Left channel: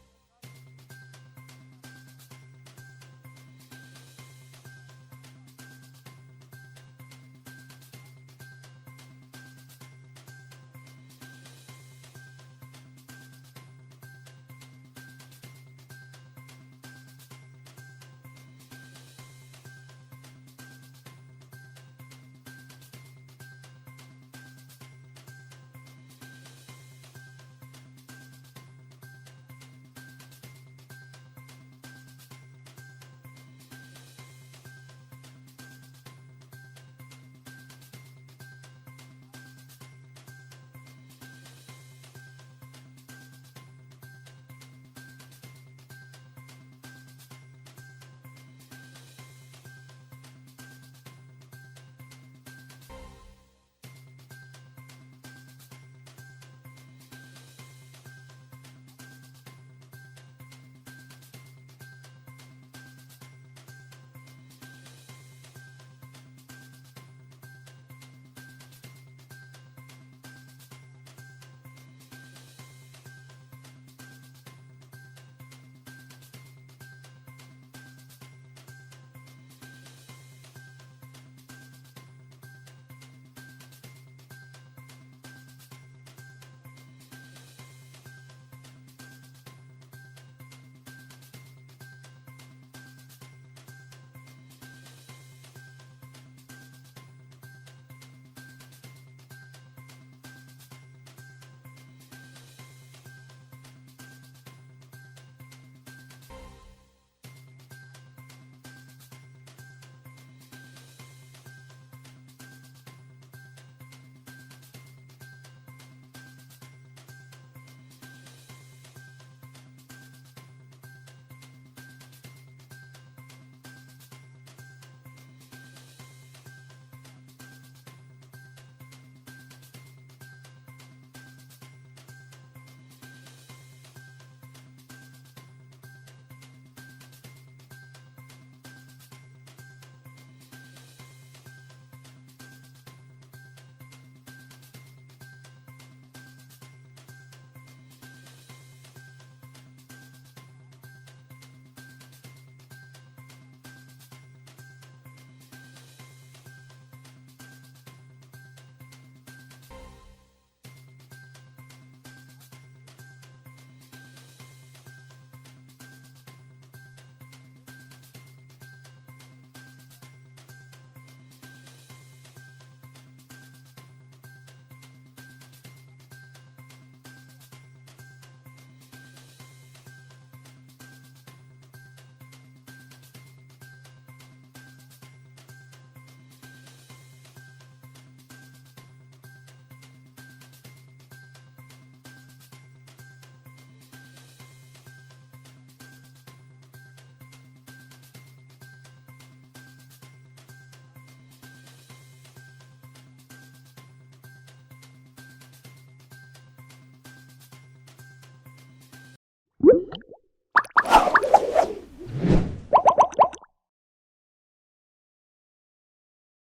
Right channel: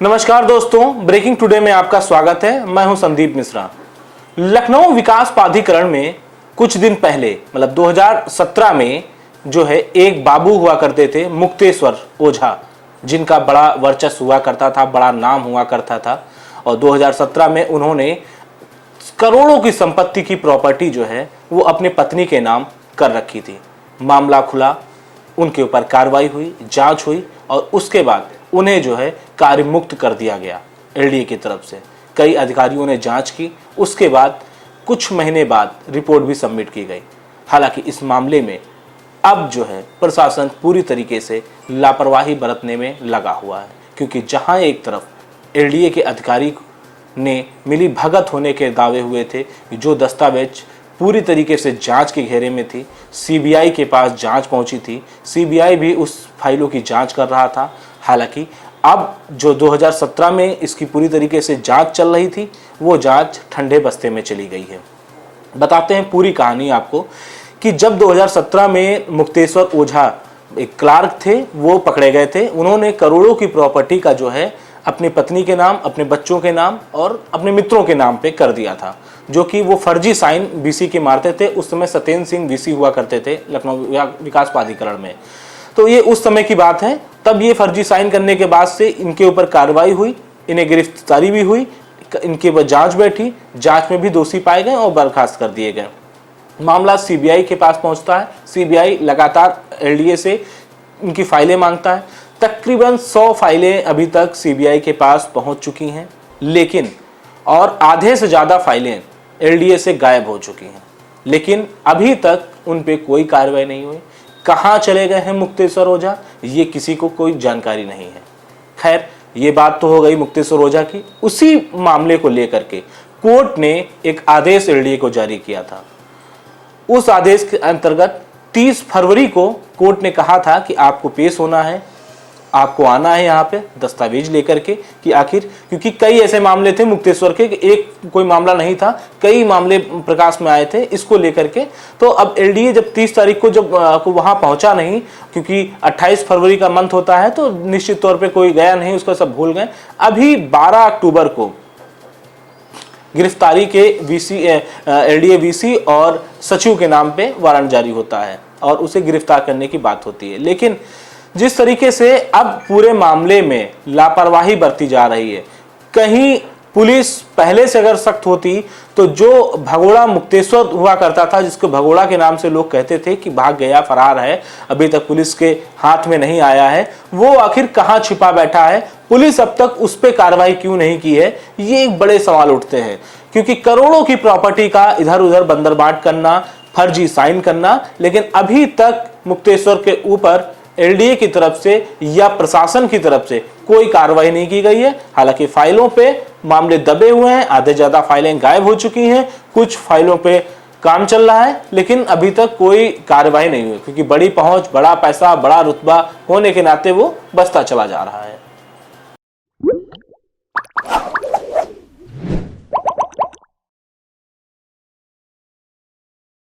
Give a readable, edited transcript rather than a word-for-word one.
नमस्कार दोस्तों, breaking today में आपका स्वागत है। मैं हूं संदीप मिश्रा। लखनऊ विकास प्राधिकरण में कुछ दिन पहले मतलब 2017 में जो है एक बाबू हुआ करते थे मुक्तेश्वर ओझा, जिनका बड़ा वर्चस्व हुआ करता था, बड़ा नाम हुआ करता था। और 2017 में उन्होंने करोड़ों की संपत्ति की प्रॉपर्टी जो है वो अपने पत्नी के नाम कर रखी थी। मामला खुला, उनके ऊपर कार्रवाई हुई, जांच हुई और उसके बाद उन्हें जो है कार्य मुक्त कर दिया गया एलडीए की तरफ से। कई अधिकारियों ने जांच की, उसके बाद कुछ महीने बाद रिपोर्ट भी सबमिट की गई। हालांकि इस मामले में अब जो है प्रशासन पूरी तरीके से लापरवाही बरतने में लगा हुआ है, क्योंकि जहां एक तरफ एलडीए के अधिकारी ने मिली भगत होने के दावे हुए थे, जो दस्तावेज पूरी तरीके से जांच के घेरे में थी, सीबीआई के पास जांच पहुंची थी, सीबीआई भी उस फाइलों की जांच कर रहा था। हालांकि अब जो 2017 में इसकी पूरी तरीके से जांच चल रही थी, वो जांच ठंडे बस्ते में चली गई है। बताते हैं पूरी कहानी आपको कि जब 2017 में मुक्तेश्वर ओझा एक क्लार्क थे, वो पकड़े गए थे। उन्होंने करोड़ों की प्रॉपर्टी का जो है अपनी पत्नी के नाम, अपने बच्चों के नाम और अपने मित्रों के नाम पे कर दिया था, जो कि वो फर्जी साइन वीसी के मारते थे। उस समय सत्येंद्र सिंह वीसी हुआ करते थे लखनऊ विकास प्राधिकरण में। तो ये उस समय की बात है। तब ये फर्जी साइन करने के बाद से इनके ऊपर कार्रवाई हुई, इन्हें गिरफ्तारी भी हुई, इनके ऊपर जांच बैठी, जांच में भी दोषी पाए गए और बर्खास्त कर दिए गए। मामला सीबीआई के पास पहुंचता है। सीबीआई लगातार एलडीए से इनकी फाइलें मांगता है। तकरीबन 100 फाइलें अभी तक सीबीआई के पास पहुंच चुकी हैं, लेकिन और आधे से ज़्यादा फाइलें एलडीए से गायब हो चुकी हैं, लेकिन अभी तक उन पे कोई कार्रवाई नहीं हुई। कहाँ चले गए हैं मुक्तेश्वर ओझा, ये किसी को कोई जानकारी नहीं है। खैर, ये बात तो हो गई मुक्तेश्वर ओझा की। उसी मामले को लेकर के कोर्ट ने एक आदेश एलडीए को जारी किया था। उस आदेश के अंतर्गत 30 फरवरी को कोर्ट ने कहा था कि आपको पेश होना है, आपको आना है यहाँ पे दस्तावेज लेकर के कि आखिर, क्योंकि कई ऐसे मामले थे मुक्तेश्वर के, एक कोई मामला नहीं था, कई मामले प्रकाश में आए थे इसको लेकर के। तो अब एलडीए जब 30 तारीख को जब वहां पहुंचा नहीं, क्योंकि 28 फरवरी का मंथ होता है, तो निश्चित तौर पे कोई गया नहीं, उसको सब भूल गए। अभी 12 अक्टूबर को गिरफ्तारी के एलडीए वीसी और सचिव के नाम पे वारंट जारी होता है और उसे गिरफ्तार करने की बात होती है। लेकिन जिस तरीके से अब पूरे मामले में लापरवाही बरती जा रही है, कहीं पुलिस पहले से अगर सख्त होती तो जो भगोड़ा मुक्तेश्वर हुआ करता था, जिसको भगोड़ा के नाम से लोग कहते थे कि भाग गया, फरार है, अभी तक पुलिस के हाथ में नहीं आया है, वो आखिर कहां छिपा बैठा है, पुलिस अब तक उस पर कार्रवाई क्यों नहीं की है, ये एक बड़े सवाल उठते हैं। क्योंकि करोड़ों की प्रॉपर्टी का इधर उधर बंदरबाट करना, फर्जी साइन करना, लेकिन अभी तक मुक्तेश्वर के ऊपर एलडीए की तरफ से या प्रशासन की तरफ से कोई कार्रवाई नहीं की गई है। हालांकि फाइलों पे मामले दबे हुए हैं, आधे ज्यादा फाइलें गायब हो चुकी हैं, कुछ फाइलों पे काम चल रहा है, लेकिन अभी तक कोई कार्रवाई नहीं हुई, क्योंकि बड़ी पहुंच, बड़ा पैसा, बड़ा रुतबा होने के नाते वो बसता चला जा रहा है।